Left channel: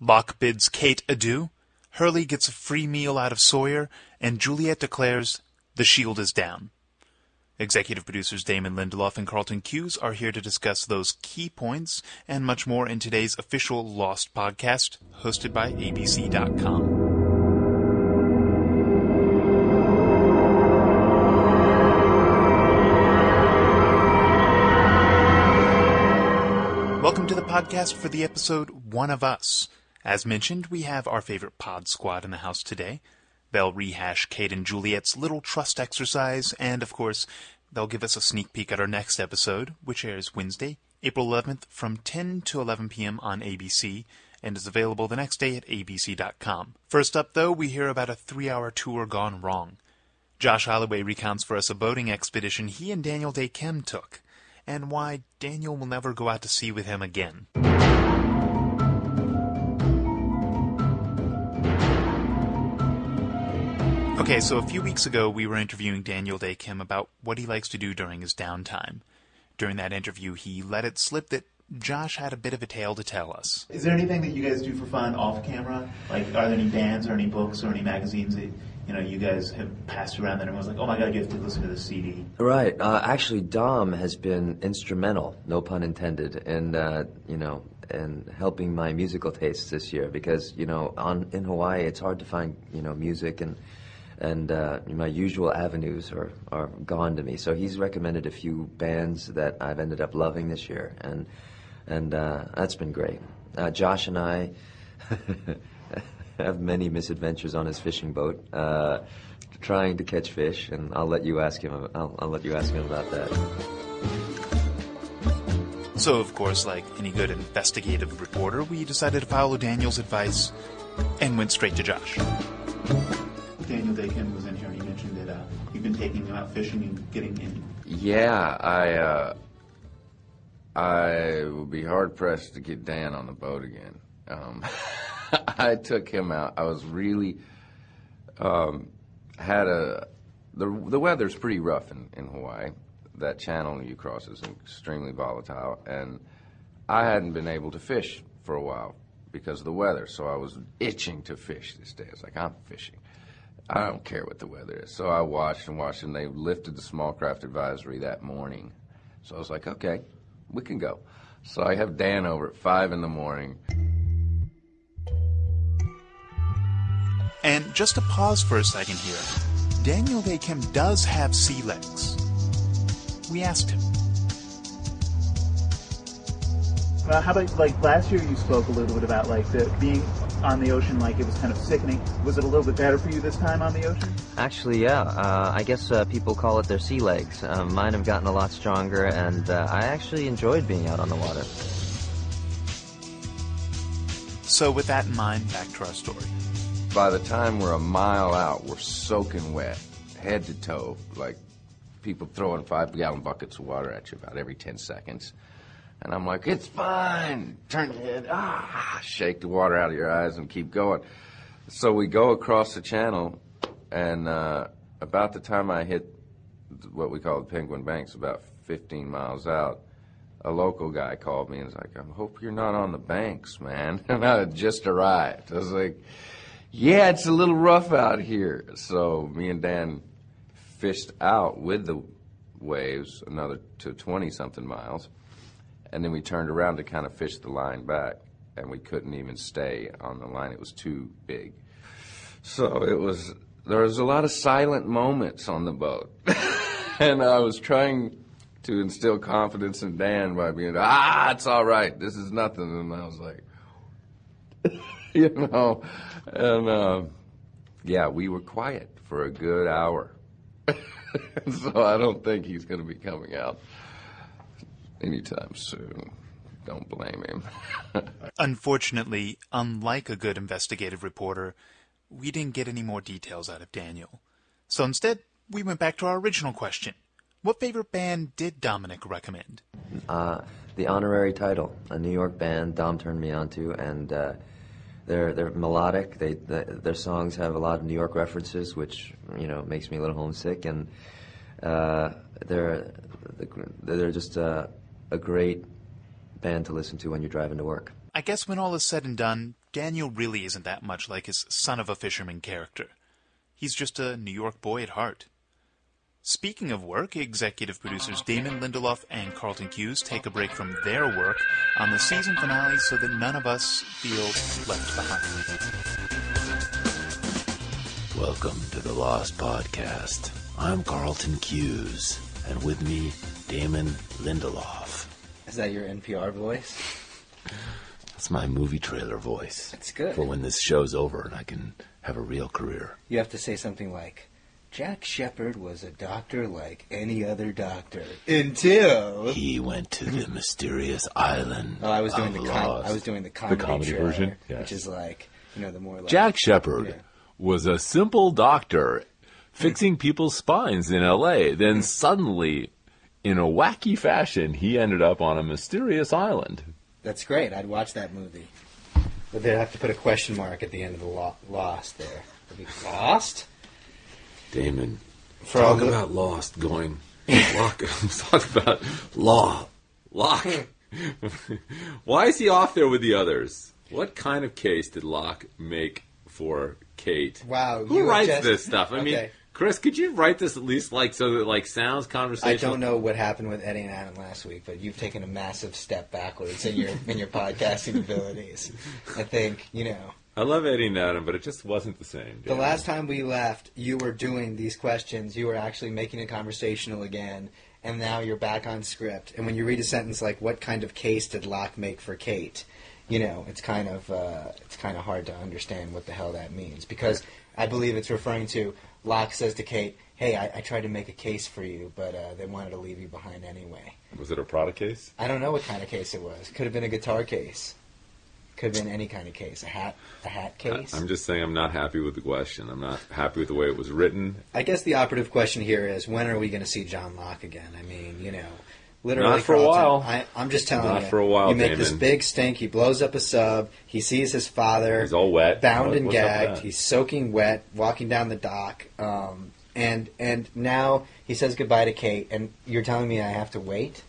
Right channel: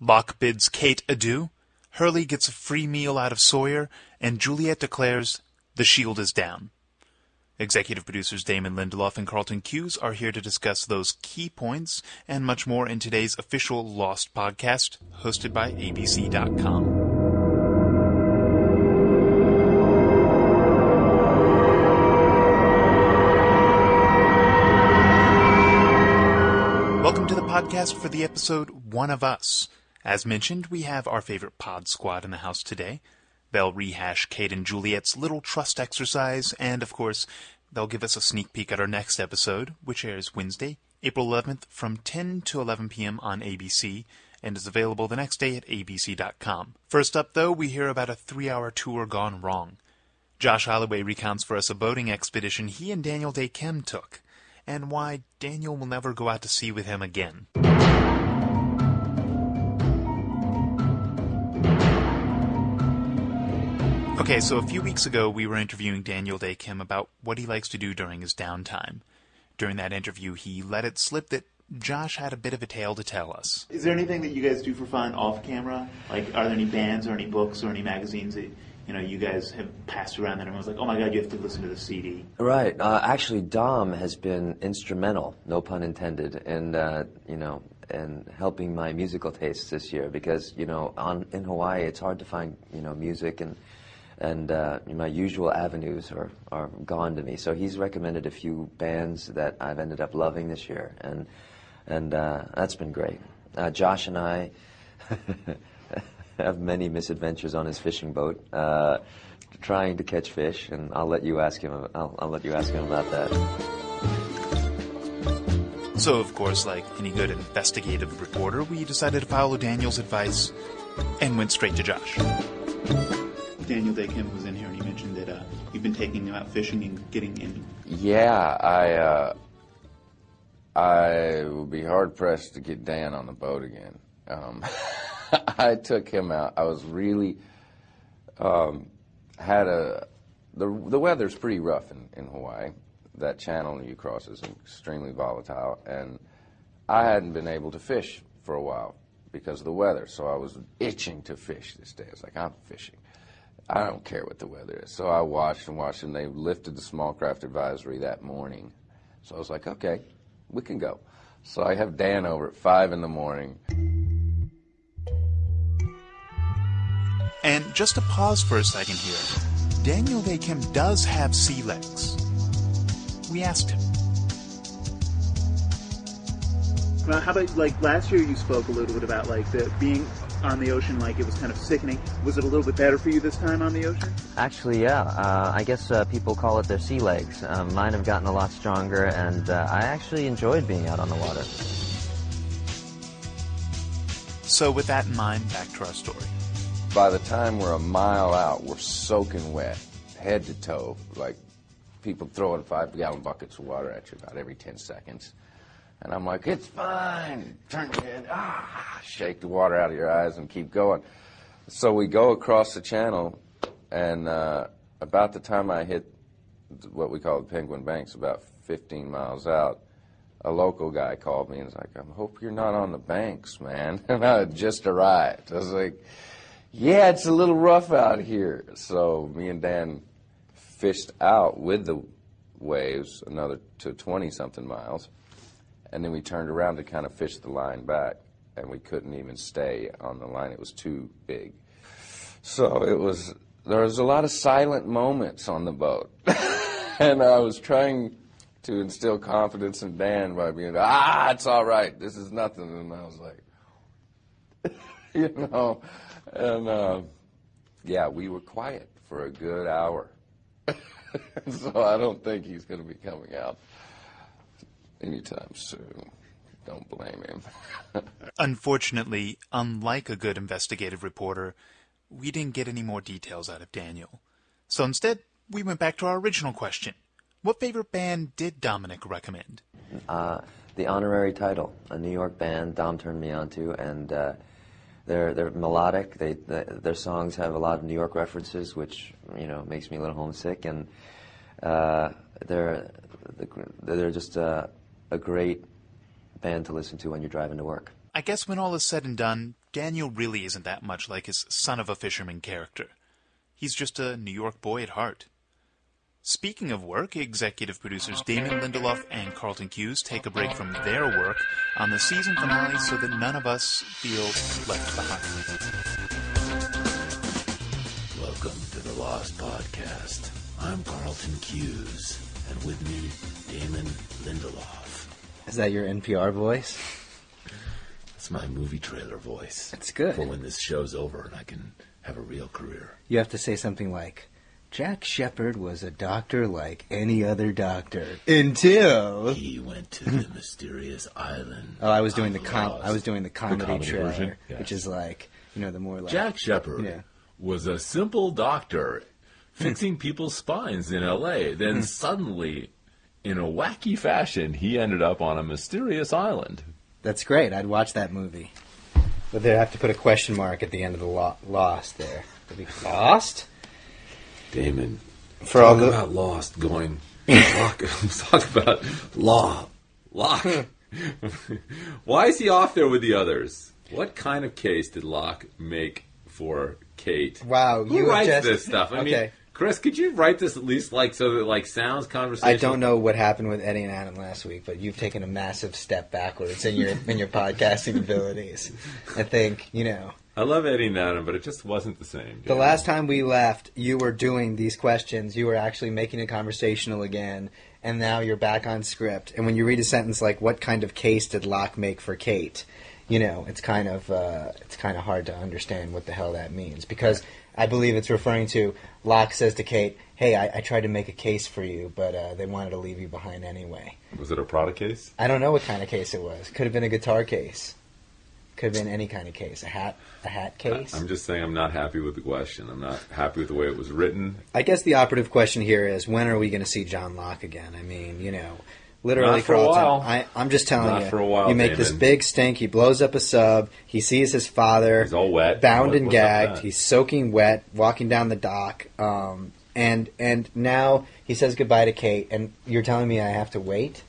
Locke bids Kate adieu, Hurley gets a free meal out of Sawyer, and Juliet declares, "The shield is down." Executive producers Damon, Lindelof, and Carlton Cuse are here to discuss those key points and much more in today's official Lost podcast, hosted by ABC.com. Welcome to the podcast for the episode One of Us. As mentioned, we have our favorite pod squad in the house today. They'll rehash Kate and Juliet's little trust exercise, and of course, they'll give us a sneak peek at our next episode, which airs Wednesday, April 11th from 10 to 11 p.m. on ABC, and is available the next day at abc.com. First up, though, we hear about a 3-hour tour gone wrong. Josh Holloway recounts for us a boating expedition he and Daniel Dae Kim took, and why Daniel will never go out to sea with him again. Okay, so a few weeks ago we were interviewing Daniel Dae Kim about what he likes to do during his downtime. During that interview, he let it slip that Josh had a bit of a tale to tell us. Is there anything that you guys do for fun off camera? Like, are there any bands or any books or any magazines that you guys have passed around that everyone's like, oh my god, you have to listen to the CD? Right. Actually, Dom has been instrumental, no pun intended, in helping my musical tastes this year because, in Hawaii it's hard to find, music and my usual avenues are gone to me. So he's recommended a few bands that I've ended up loving this year, and that's been great. Josh and I have many misadventures on his fishing boat, trying to catch fish, and I'll let you ask him. I'll let you ask him about that. So, of course, like any good investigative reporter, we decided to follow Daniel's advice and went straight to Josh. Daniel Dae Kim was in here and he mentioned that you've been taking him out fishing and getting in. Yeah, I would be hard pressed to get Dan on the boat again. I took him out. I was really the weather's pretty rough in Hawaii. That channel you cross is extremely volatile, and I hadn't been able to fish for a while because of the weather. So I was itching to fish this day. I was like, I'm fishing. I don't care what the weather is. So I watched, and they lifted the small craft advisory that morning. So I was like, okay, we can go. So I have Dan over at 5 in the morning. And just to pause for a second here, Daniel Dae Kim does have sea legs. We asked him. Well, how about, last year you spoke a little bit about, the being on the ocean, it was kind of sickening. Was it a little bit better for you this time on the ocean? Actually, yeah. I guess people call it their sea legs. Mine have gotten a lot stronger, and I actually enjoyed being out on the water. So with that in mind, back to our story. By the time we're a mile out, we're soaking wet, head to toe, like people throwing 5-gallon buckets of water at you about every 10 seconds. And I'm like, it's fine. Turn your head, shake the water out of your eyes and keep going. So we go across the channel, and about the time I hit what we call the Penguin Banks, about 15 miles out, a local guy called me and was like, I hope you're not on the banks, man. And I had just arrived. I was like, yeah, it's a little rough out here. So me and Dan fished out with the waves another to 20-something miles. And then we turned around to kind of fish the line back, and we couldn't even stay on the line. It was too big. So there was a lot of silent moments on the boat. And I was trying to instill confidence in Dan by being, it's all right. This is nothing. And I was like, and we were quiet for a good hour. So I don't think he's going to be coming out anytime soon. Don't blame him. Unfortunately, unlike a good investigative reporter, we didn't get any more details out of Daniel. So instead, we went back to our original question. What favorite band did Dominic recommend? The Honorary Title, a New York band Dom turned me on to, and they're melodic. Their songs have a lot of New York references, which makes me a little homesick, and they're just a great band to listen to when you're driving to work. I guess when all is said and done, Daniel really isn't that much like his son of a fisherman character. He's just a New York boy at heart. Speaking of work, executive producers Damon, Lindelof, and Carlton Cuse take a break from their work on the season finale so that none of us feel left behind. Welcome to the Lost Podcast. I'm Carlton Cuse, and with me, Damon Lindelof. Is that your NPR voice? That's my movie trailer voice. That's good. For when this show's over and I can have a real career. You have to say something like, Jack Shepherd was a doctor like any other doctor until he went to the mysterious island. I was doing the comedy trailer, version, yes. which is like, the more like Jack Shepherd was a simple doctor fixing people's spines in L.A. Then suddenly, in a wacky fashion, he ended up on a mysterious island. That's great. I'd watch that movie. But they'd have to put a question mark at the end of the Lost there. It'd be Lost? Damon, For all talk about Lost going. Talk about Locke. Why is he off there with the others? What kind of case did Locke make for Kate? Wow, Who writes this stuff? I mean, Chris, could you write this at least so that it sounds conversational? I don't know what happened with Eddie and Adam last week, but you've taken a massive step backwards in your podcasting abilities. I think, I love Eddie and Adam, but it just wasn't the same. The last time we left, you were doing these questions. You were actually making it conversational again, and now you're back on script. And when you read a sentence like, what kind of case did Locke make for Kate? It's kind of hard to understand what the hell that means. Because I believe it's referring to Locke says to Kate, hey, I tried to make a case for you, but they wanted to leave you behind anyway. Was it a Prada case? I don't know what kind of case it was. Could have been a guitar case. Could have been any kind of case. A hat case. I'm just saying I'm not happy with the question. I'm not happy with the way it was written. I guess the operative question here is, when are we going to see John Locke again? I mean, literally not for a while. I'm just telling you. Not for a while, you make Damon. this big stink. He blows up a sub. He sees his father. He's all wet. Bound and What's up with gagged. that? He's soaking wet, walking down the dock. And now he says goodbye to Kate. And you're telling me I have to wait?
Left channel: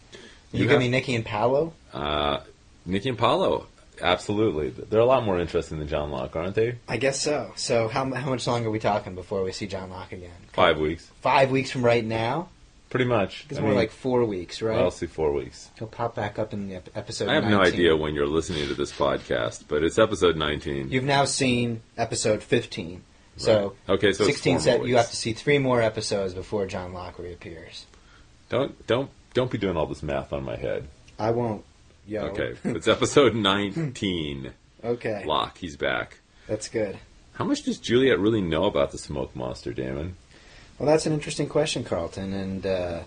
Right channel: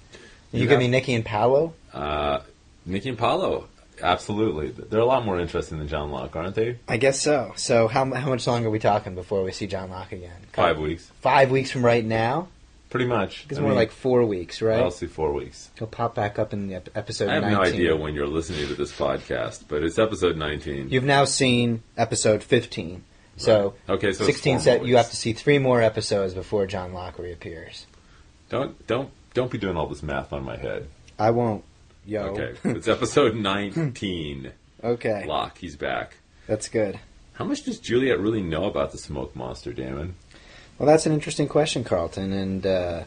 You give me Nikki and Paolo? Nikki and Paolo. Absolutely. They're a lot more interesting than John Locke, aren't they? I guess so. So how much longer are we talking before we see John Locke again? 5 weeks. 5 weeks from right now? Pretty much. It's more like 4 weeks, right? I'll see 4 weeks. He'll pop back up in the episode 19. I have no idea when you're listening to this podcast, but it's episode 19. You've now seen episode 15. So, okay, so 16 said you have to see 3 more episodes before John Locke reappears. Don't be doing all this math on my head. I won't. Yo. Okay, it's episode 19. Okay. Locke, he's back. That's good. How much does Juliet really know about the smoke monster, Damon? Well, that's an interesting question, Carlton, and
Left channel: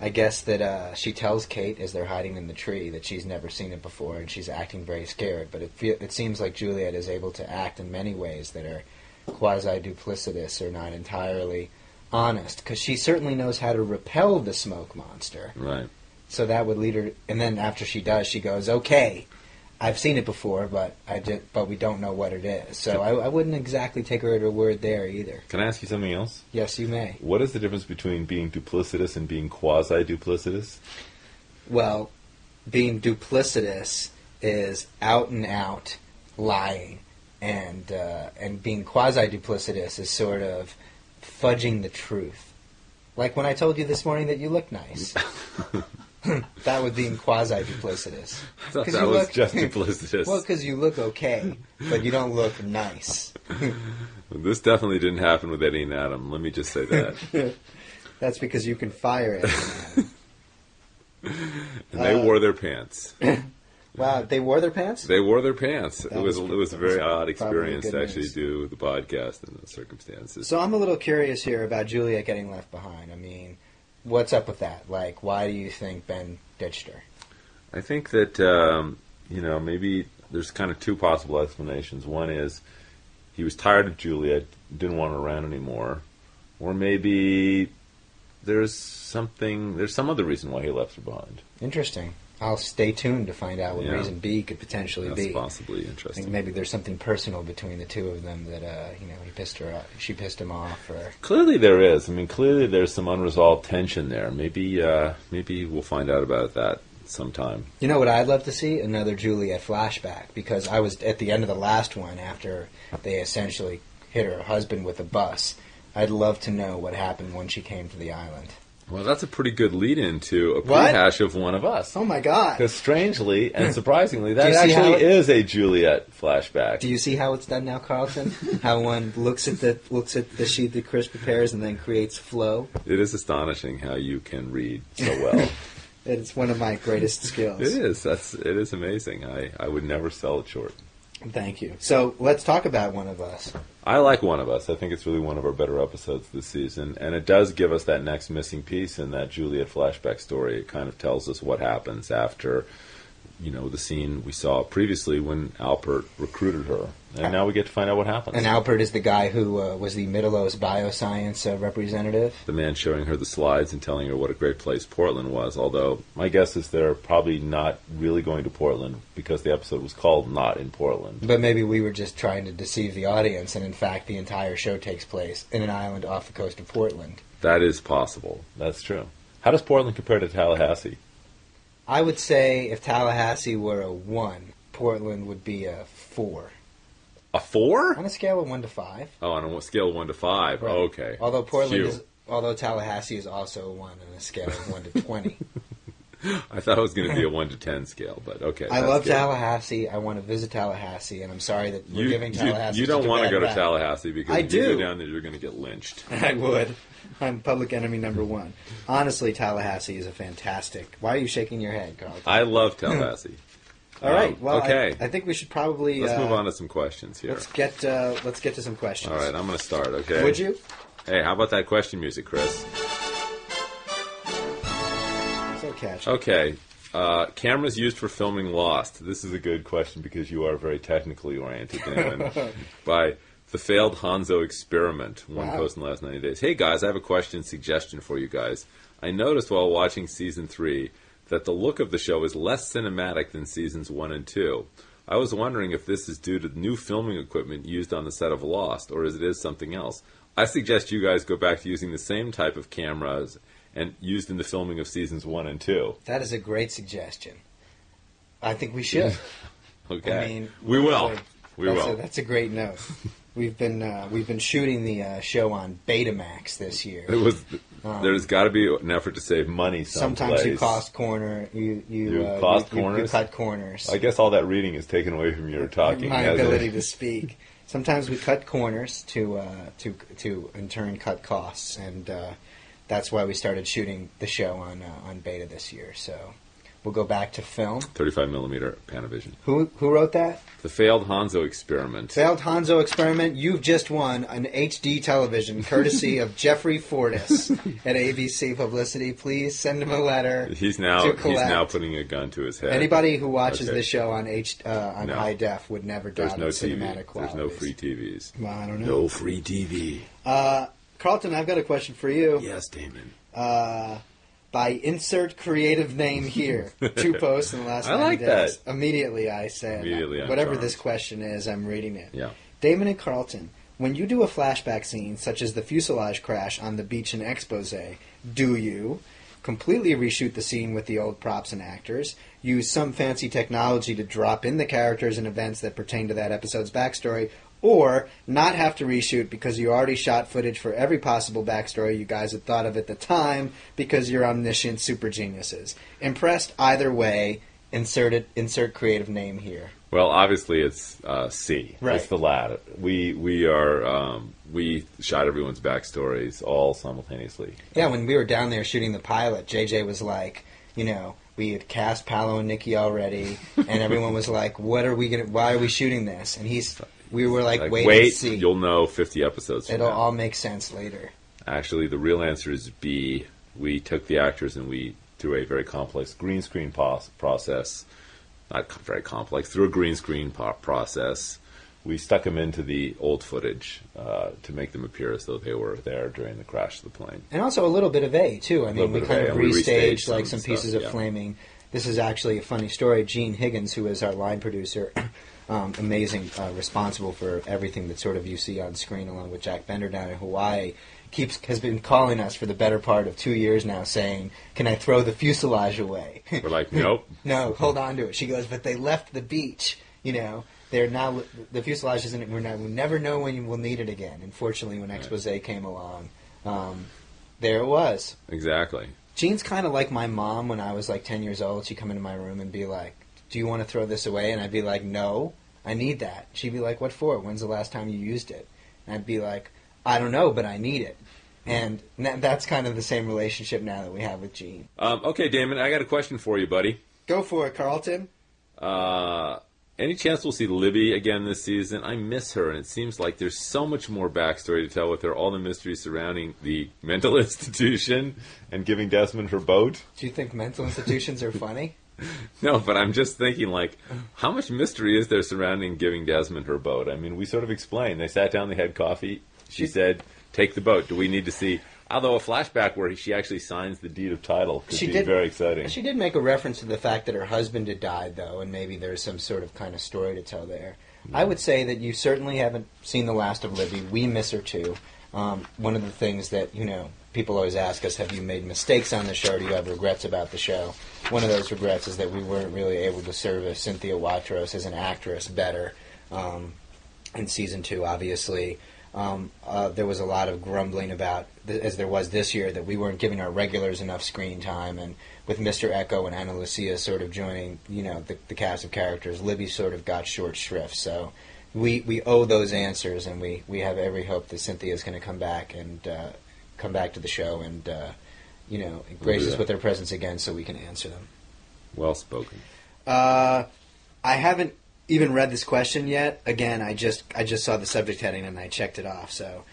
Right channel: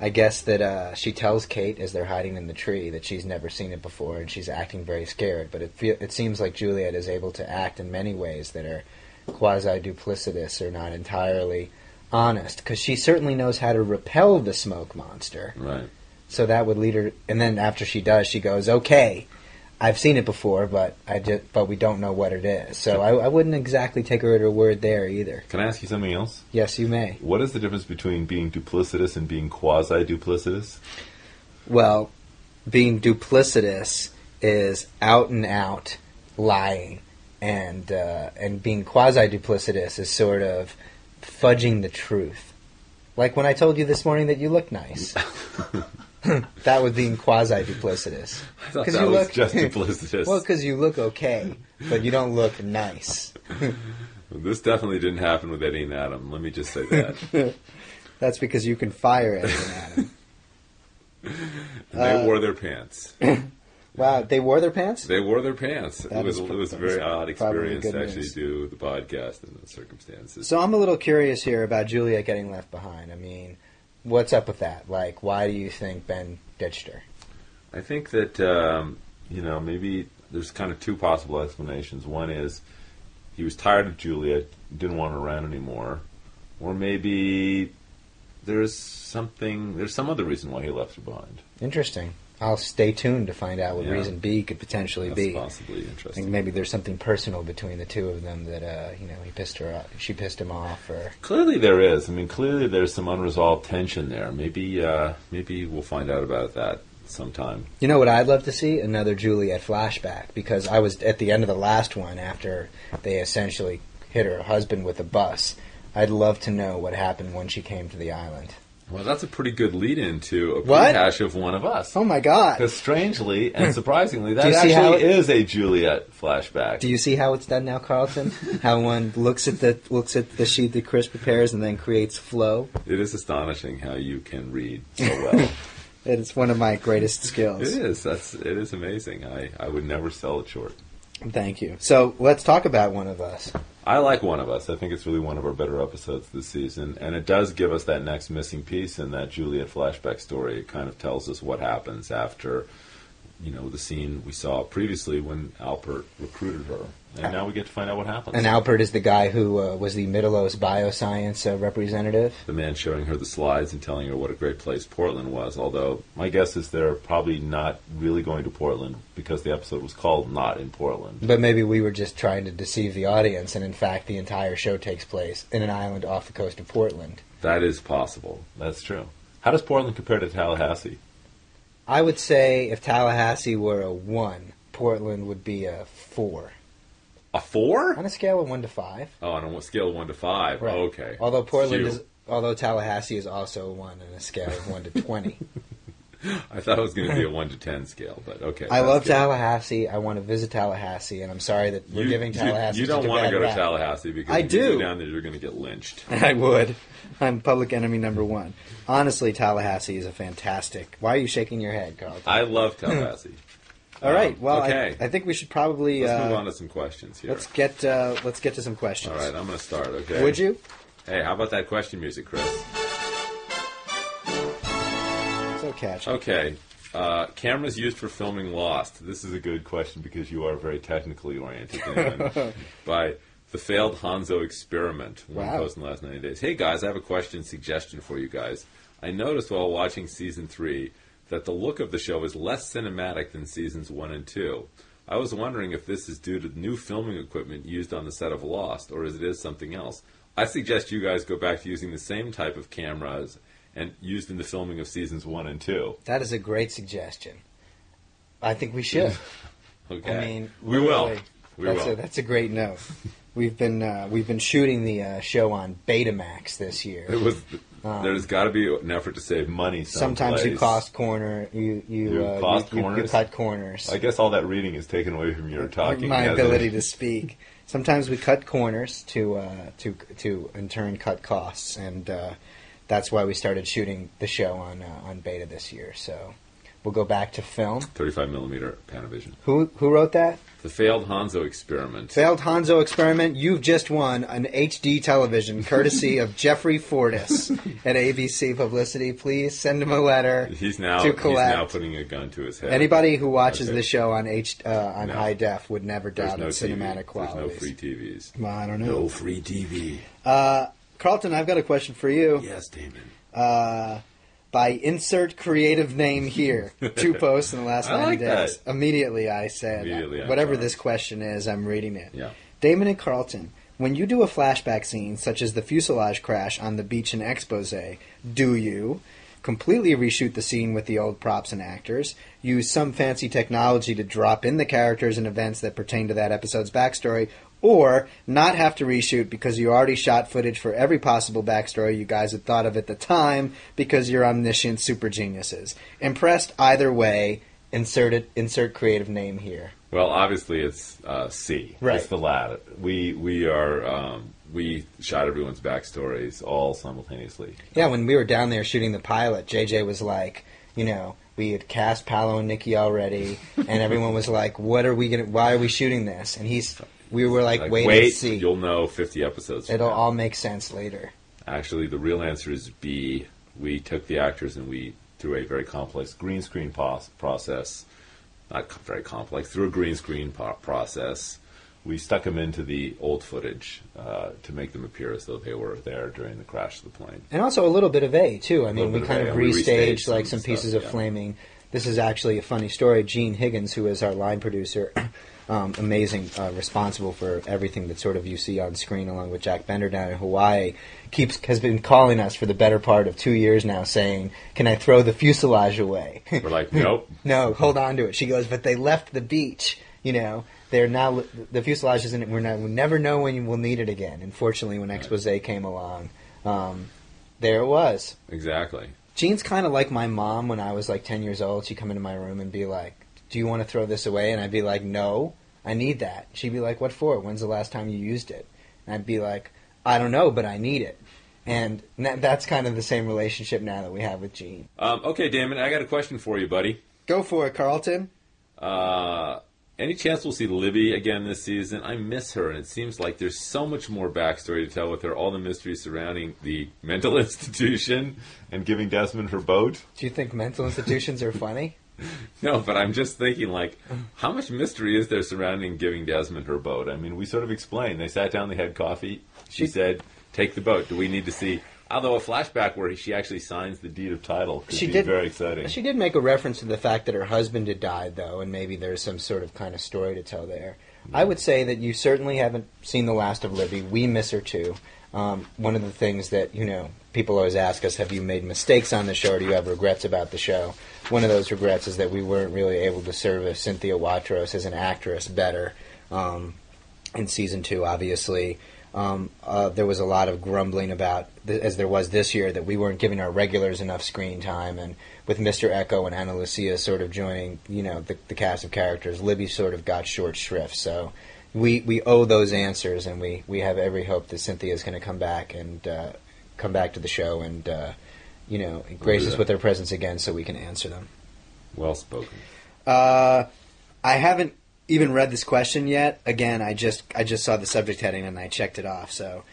I guess that she tells Kate as they're hiding in the tree that she's never seen it before, and she's acting very scared. But it seems like Juliet is able to act in many ways that are quasi-duplicitous or not entirely honest, because she certainly knows how to repel the smoke monster. Right. So that would lead her, and then after she does, she goes, okay, I've seen it before, but we don't know what it is. So I wouldn't exactly take her at her word there either. Can I ask you something else? Yes, you may. What is the difference between being duplicitous and being quasi-duplicitous? Well, being duplicitous is out and out lying, and being quasi-duplicitous is sort of fudging the truth. Like when I told you this morning that you look nice. That was being quasi-duplicitous. I thought that was just duplicitous. Well, because you look okay, but you don't look nice. This definitely didn't happen with Eddie and Adam. Let me just say that. That's because you can fire Eddie and Adam. And they wore their pants. Wow, they wore their pants? They wore their pants. It was a very odd probably experience good to actually news. do the podcast in those circumstances. So I'm a little curious here about Juliet getting left behind. I mean, what's up with that? Like, why do you think Ben ditched her? I think that, maybe there's kind of two possible explanations. One is he was tired of Juliet, didn't want her around anymore. Or maybe there's some other reason why he left her behind. Interesting. I'll stay tuned to find out what reason B could potentially be. That's possibly I interesting. think maybe there's something personal between the two of them that he pissed her off. She pissed him off, or Clearly there is. I mean, clearly there's some unresolved tension there. Maybe we'll find out about that sometime. You know what I'd love to see? Another Juliet flashback, because I was at the end of the last one after they essentially hit her husband with a bus. I'd love to know what happened when she came to the island. Well, that's a pretty good lead-in to a What? rehash of One of Us. Oh my God! Because strangely and surprisingly, that Do you see how actually it- is a Juliet flashback. Do you see how it's done now, Carlton? How one looks at the sheet that Chris prepares and then creates flow. It is astonishing how you can read so well. It's one of my greatest skills. It is. It is amazing. I would never sell it short. Thank you. So let's talk about One of Us. I like One of Us. I think it's really one of our better episodes this season, and it does give us that next missing piece in that Juliet flashback story. It kind of tells us what happens after, the scene we saw previously when Alpert recruited her, and now we get to find out what happens. And Alpert is the guy who was the Middelos bioscience representative. The man showing her the slides and telling her what a great place Portland was, although my guess is they're probably not really going to Portland because the episode was called Not in Portland. But maybe we were just trying to deceive the audience, and in fact the entire show takes place in an island off the coast of Portland. That is possible. That's true. How does Portland compare to Tallahassee? I would say if Tallahassee were a 1, Portland would be a 4. A 4? On a scale of 1 to 5. Oh, on a scale of 1 to 5. Right. Okay. Although Tallahassee is also a 1 on a scale of 1 to 20. I thought it was going to be a 1 to 10 scale, but okay. I love good. Tallahassee. I want to visit Tallahassee, and I'm sorry that we're giving Tallahassee You don't want to go to rap. Tallahassee because I if you do. go down there, you're going to get lynched. I would. I'm public enemy number 1. Honestly, Tallahassee is a fantastic... Why are you shaking your head, Carl? I love Tallahassee. All right. Well, okay. I think we should probably... Let's move on to some questions here. Let's get to some questions. All right, I'm going to start, okay? Would you? Hey, how about that question music, Chris? So catchy. Okay. Cameras used for filming Lost. This is a good question because you are very technically oriented, Damon. By the failed Hanzo experiment. One post in the last 90 days. Hey, guys, I have a question suggestion for you guys. I noticed while watching Season 3 that the look of the show is less cinematic than Seasons 1 and 2. I was wondering if this is due to new filming equipment used on the set of Lost, or it is something else. I suggest you guys go back to using the same type of cameras and used in the filming of Seasons 1 and 2. That is a great suggestion. I think we should. Okay. I mean, we will. We will. That's a great note. We've been shooting the show on Betamax this year. There's got to be an effort to save money someplace. Sometimes you cost corner. You cut corners. I guess all that reading is taken away from your talking. My ability to speak. Sometimes we cut corners to in turn cut costs, and that's why we started shooting the show on Beta this year. So we'll go back to film. 35mm Panavision. Who wrote that? The failed Hanzo experiment. Failed Hanzo experiment. You've just won an HD television, courtesy of Jeffrey Fortis at ABC Publicity. Please send him a letter. He's now putting a gun to his head. Anybody who watches the show on high def would never doubt its cinematic quality. There's no free TVs. Well, I don't know. No free TV. Carlton, I've got a question for you. Yes, Damon. By insert creative name here. 2 posts in the last 90 days. That. Immediately I said, whatever this question is, I'm reading it. Yeah. Damon and Carlton, when you do a flashback scene, such as the fuselage crash on the beach in Expose, do you completely reshoot the scene with the old props and actors, use some fancy technology to drop in the characters and events that pertain to that episode's backstory, or not have to reshoot because you already shot footage for every possible backstory you guys had thought of at the time because you're omniscient super geniuses? Impressed either way, insert creative name here. Well, obviously it's C. Right. It's the latter. We shot everyone's backstories all simultaneously. Yeah, when we were down there shooting the pilot, JJ was like, we had cast Paolo and Nikki already, and everyone was like, why are we shooting this? And we were like, wait and see. You'll know 50 episodes from It'll now. all make sense later. Actually, the real answer is B. We took the actors and we, through a very complex green screen process, not very complex, through a green screen process, we stuck them into the old footage to make them appear as though they were there during the crash of the plane. And also a little bit of A, too. I mean, we kind of restaged like some stuff, pieces of flaming. This is actually a funny story. Gene Higgins, who is our line producer, amazing, responsible for everything that sort of you see on screen, along with Jack Bender down in Hawaii, has been calling us for the better part of 2 years now, saying, "Can I throw the fuselage away?" We're like, nope. No, hold on to it. She goes, "But they left the beach. You know, they're now the fuselage isn't. We'll never know when we'll need it again." Unfortunately, when Expose came along, there it was. Exactly. Jean's kind of like my mom when I was like 10 years old. She'd come into my room and be like, "Do you want to throw this away?" And I'd be like, "No, I need that." She'd be like, "What for? When's the last time you used it?" And I'd be like, "I don't know, but I need it." And that's kind of the same relationship now that we have with Jean. Okay, Damon, I got a question for you, buddy. Go for it, Carlton. Any chance we'll see Libby again this season? I miss her, and it seems like there's so much more backstory to tell with her, all the mysteries surrounding the mental institution and giving Desmond her boat. Do you think mental institutions are funny? No, but I'm just thinking, like, how much mystery is there surrounding giving Desmond her boat? I mean, we sort of explained. They sat down, they had coffee. She said, "Take the boat." Do we need to see... Although a flashback where she actually signs the deed of title could be very exciting. She did make a reference to the fact that her husband had died, though, and maybe there's some sort of kind of story to tell there. Yeah. I would say that you certainly haven't seen the last of Libby. We miss her, too. One of the things that, people always ask us, have you made mistakes on the show, or do you have regrets about the show? One of those regrets is that we weren't really able to service Cynthia Watros as an actress better in Season 2, obviously. There was a lot of grumbling about, as there was this year, that we weren't giving our regulars enough screen time, and with Mr. Echo and Ana Lucia sort of joining, the cast of characters, Libby sort of got short shrift. So we owe those answers, and we have every hope that Cynthia is going to come back to the show and grace us with her presence again, so we can answer them. Well spoken. I haven't even read this question yet. Again, I just saw the subject heading and I checked it off. So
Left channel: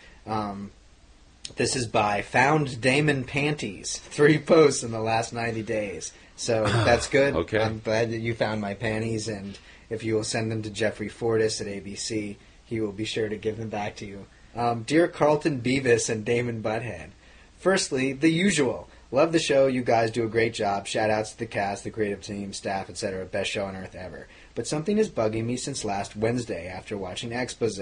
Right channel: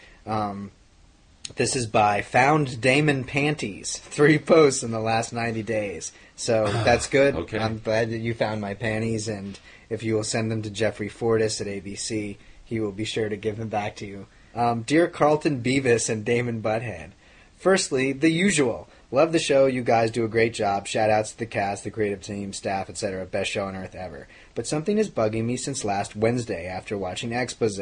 this is by Found Damon Panties. 3 posts in the last 90 days. So that's good. Okay. I'm glad that you found my panties, and if you will send them to Jeffrey Fortis at ABC, he will be sure to give them back to you. Dear Carlton Beavis and Damon Butthead, firstly, the usual. Love the show. You guys do a great job. Shout-outs to the cast, the creative team, staff, etc. Best show on earth ever. But something is bugging me since last Wednesday after watching Expose.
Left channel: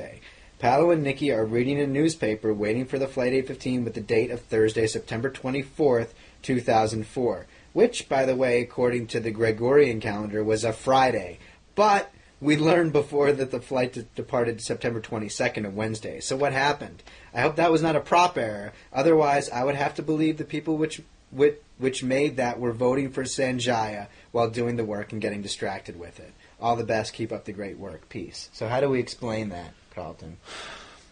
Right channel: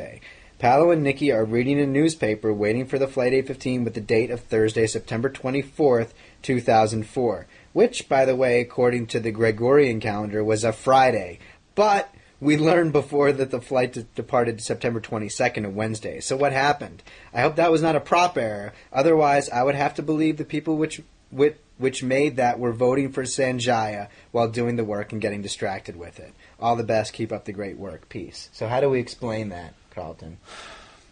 Paolo and Nikki are reading a newspaper waiting for the Flight 815 with the date of Thursday, September 24th, 2004, which, by the way, according to the Gregorian calendar, was a Friday. But we learned before that the flight departed September 22nd, a Wednesday. So what happened? I hope that was not a prop error. Otherwise, I would have to believe the people which made that were voting for Sanjaya while doing the work and getting distracted with it. All the best. Keep up the great work. Peace. So how do we explain that, Carlton?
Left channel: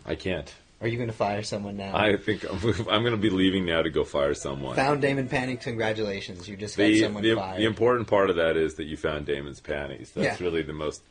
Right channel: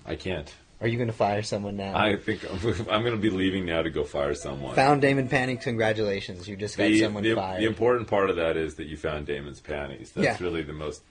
I can't. Are you going to fire someone now? I think I'm going to be leaving now to go fire someone. Found Damon Panties. Congratulations. You just got someone fired. The important part of that is that you found Damon's panties. That's really the most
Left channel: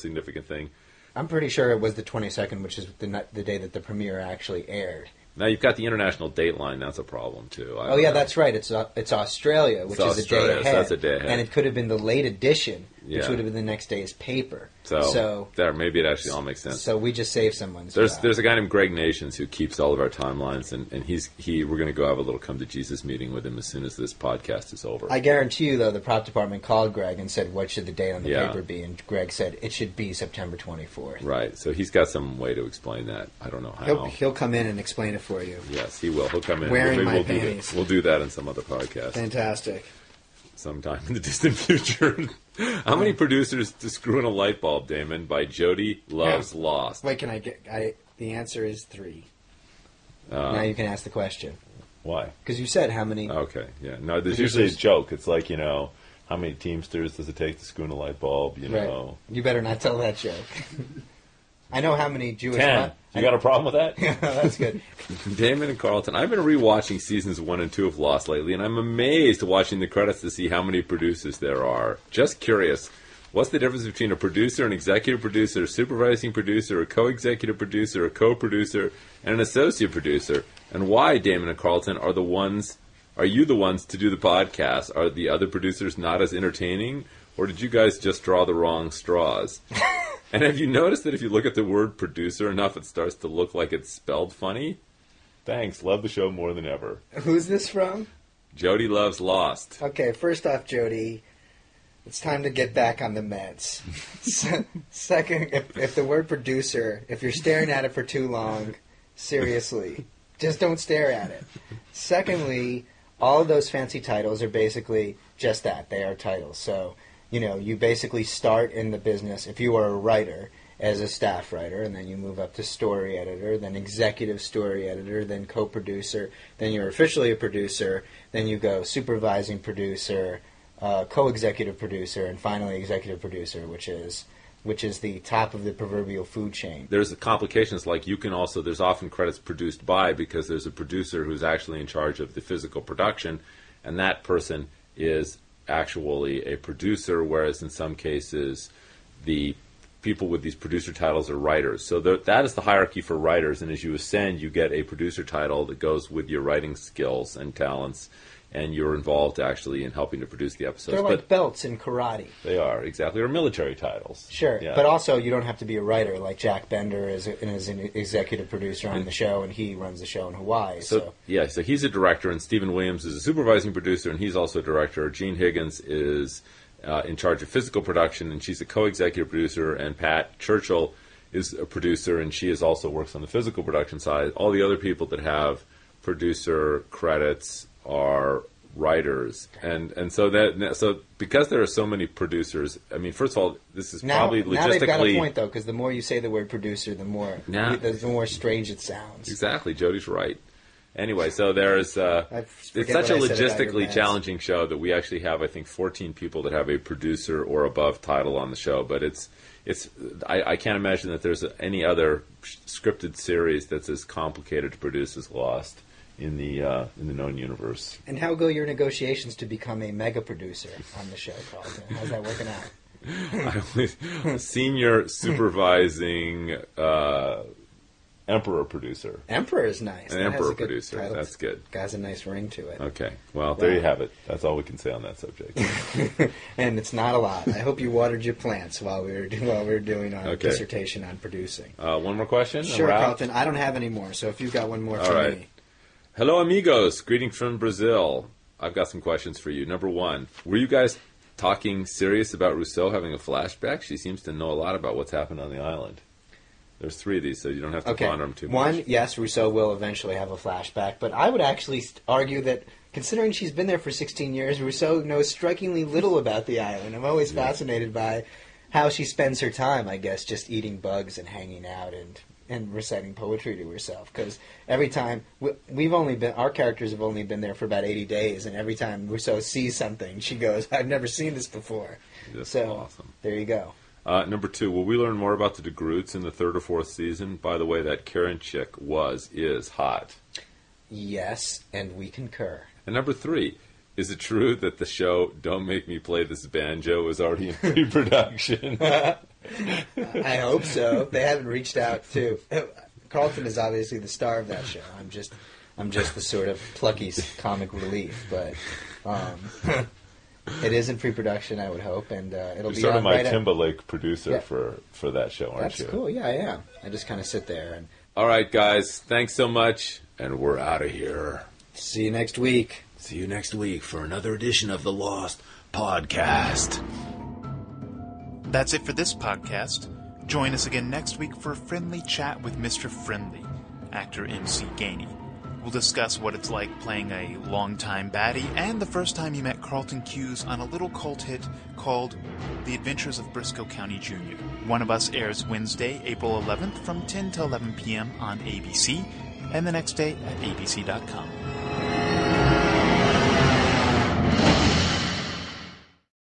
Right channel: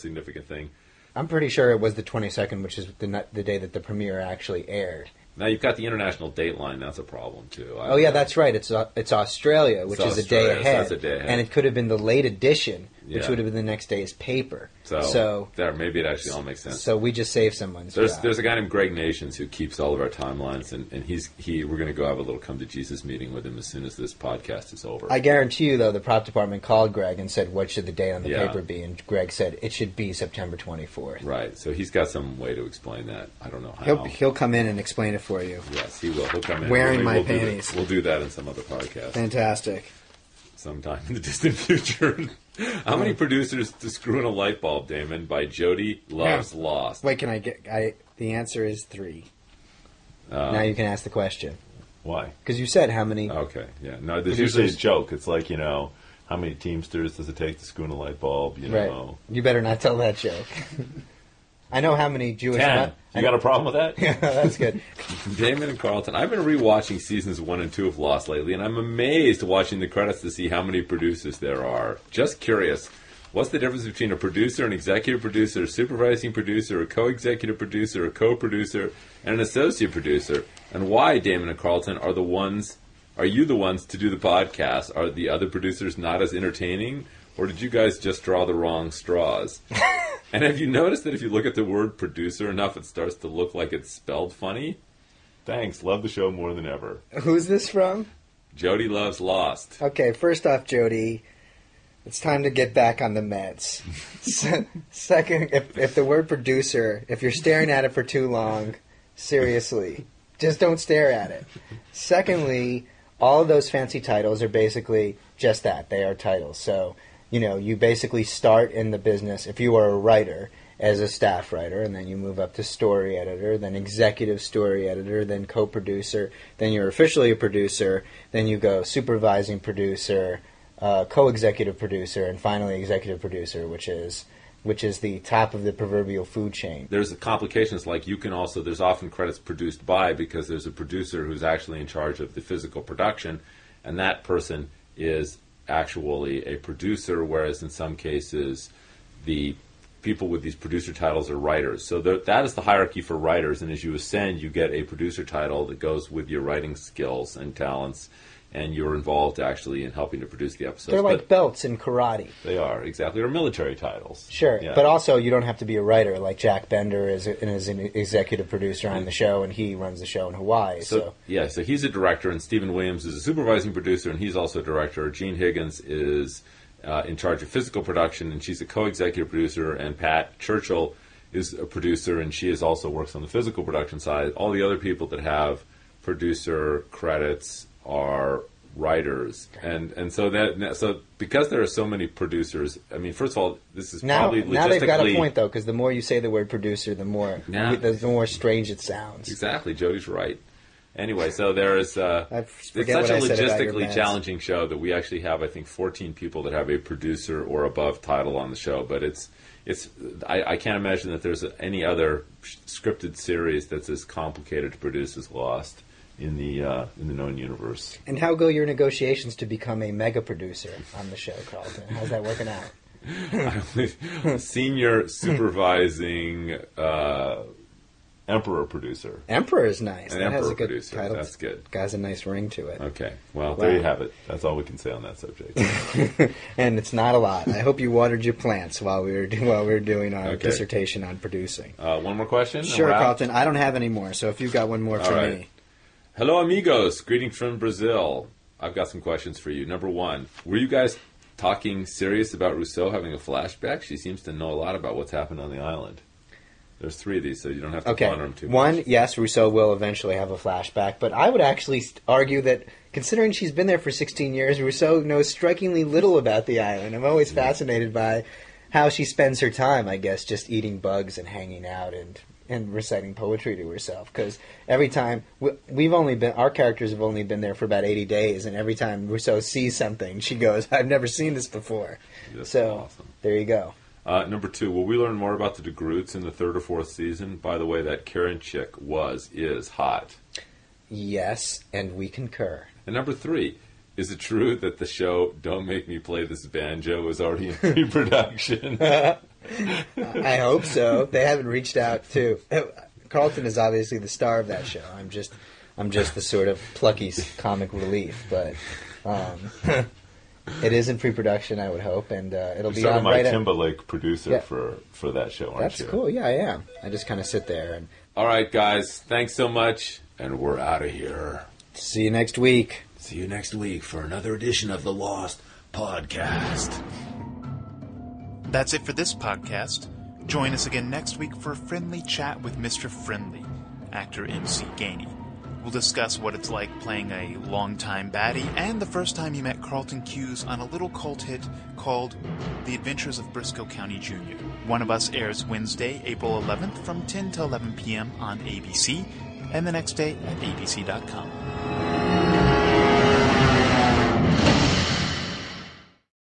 significant thing. I'm pretty sure it was the 22nd, which is the day that the premiere actually aired. Now you've got the international date line. That's a problem too. That's right. It's Australia, which is a day ahead. So that's a day ahead, and it could have been the late edition, which would have been the next day's paper. So there, maybe it actually all makes sense. So we just saved someone's. There's a guy named Greg Nations who keeps all of our timelines, and we're going to go have a little come to Jesus meeting with him as soon as this podcast is over. I guarantee you, though, the prop department called Greg and said, "What should the date on the paper be?" And Greg said, "It should be September 24th." Right. So he's got some way to explain that. I don't know how. He'll come in and explain it for you. Yes, he will. He'll come in wearing my panties. We'll do that in some other podcast. Fantastic. Sometime in the distant future. How many producers to Screw in a Light Bulb, Damon, by Jody Loves Lost? Wait, can the answer is 3. Now you can ask the question. Why? Because you said how many. Okay, yeah. No, there's usually a joke. It's like, how many Teamsters does it take to screw in a light bulb, Right. You better not tell that joke. I know how many Jewish... 10. You got a problem with that? Yeah, that's good. Damon and Carlton, I've been rewatching seasons 1 and 2 of Lost lately, and I'm amazed watching the credits to see how many producers there are. Just curious, what's the difference between a producer, an executive producer, a supervising producer, a co-executive producer, a co-producer, and an associate producer? And why, Damon and Carlton, are you the ones to do the podcast? Are the other producers not as entertaining? Or did you guys just draw the wrong straws? And have you noticed that if you look at the word producer enough, it starts to look like it's spelled funny? Thanks. Love the show more than ever. Who's this from? Jody Loves Lost. Okay, first off, Jody, It's time to get back on the meds. Second, if the word producer, if you're staring at it for too long, seriously, just don't stare at it. Secondly, all of those fancy titles are basically just that. They are titles. So, you basically start in the business, if you are a writer, as a staff writer, and then you move up to story editor, then executive story editor, then co-producer, then you're officially a producer, then you go supervising producer, co-executive producer, and finally executive producer, which is the top of the proverbial food chain. There's complications like there's often credits produced by, because there's a producer who's actually in charge of the physical production, and that person is actually a producer, whereas in some cases the people with these producer titles are writers. So that is the hierarchy for writers, and as you ascend, you get a producer title that goes with your writing skills and talents, and you're involved actually in helping to produce the episodes. They're like belts in karate. They are, exactly. They're military titles. Sure, yeah. But also you don't have to be a writer. Like Jack Bender is an executive producer on the show, and he runs the show in Hawaii. So he's a director, and Stephen Williams is a supervising producer, and he's also a director. Gene Higgins is in charge of physical production, and she's a co-executive producer, and Pat Churchill is a producer, and she also works on the physical production side. All the other people that have producer credits are writers, and so because there are so many producers, I mean, first of all, this is probably logistically... Now they've got a point, though, because the more you say the word producer, the more strange it sounds. Exactly, Jody's right. Anyway, so there's it's such a logistically challenging show that we actually have, I think, 14 people that have a producer or above title on the show. But I can't imagine that there's any other scripted series that's as complicated to produce as Lost in the known universe. And how go your negotiations to become a mega producer on the show, Carlton? How's that working out? Senior supervising Emperor producer. Emperor is nice. An Emperor producer. Title. That's good. Has a nice ring to it. Okay. Well, there you have it. That's all we can say on that subject. And it's not a lot. I hope you watered your plants while we were doing our dissertation on producing. One more question? Sure, Carlton. I don't have any more, so if you've got one more for me. Hello, amigos. Greetings from Brazil. I've got some questions for you. Number one, were you guys talking serious about Rousseau having a flashback? She seems to know a lot about what's happened on the island. There's 3 of these, so you don't have to ponder them too much. One, yes, Rousseau will eventually have a flashback, but I would actually argue that, considering she's been there for 16 years, Rousseau knows strikingly little about the island. I'm always fascinated by how she spends her time, I guess, just eating bugs and hanging out and reciting poetry to herself. Because every time, our characters have only been there for about 80 days, and every time Rousseau sees something, she goes, I've never seen this before. That's so, awesome. There you go. Number 2, will we learn more about the DeGroots in the 3rd or 4th season? By the way, that Karen chick is hot. Yes, and we concur. And number 3, is it true that the show Don't Make Me Play This Banjo is already in pre-production? I hope so. They haven't reached out to... Carlton is obviously the star of that show. I'm just the sort of plucky comic relief, but... It is in pre-production, I would hope, and it'll be on my Timberlake producer for that show, aren't you? That's cool. Yeah, I am. I just kind of sit there and. All right, guys. Thanks so much, and we're out of here. See you next week. See you next week for another edition of the Lost Podcast. That's it for this podcast. Join us again next week for a friendly chat with Mr. Friendly, actor M.C. Gainey. We'll discuss what it's like playing a longtime baddie and the first time you met Carlton Cuse on a little cult hit called The Adventures of Briscoe County Jr. One of Us airs Wednesday, April 11th from 10 to 11 p.m. on ABC, and the next day at abc.com.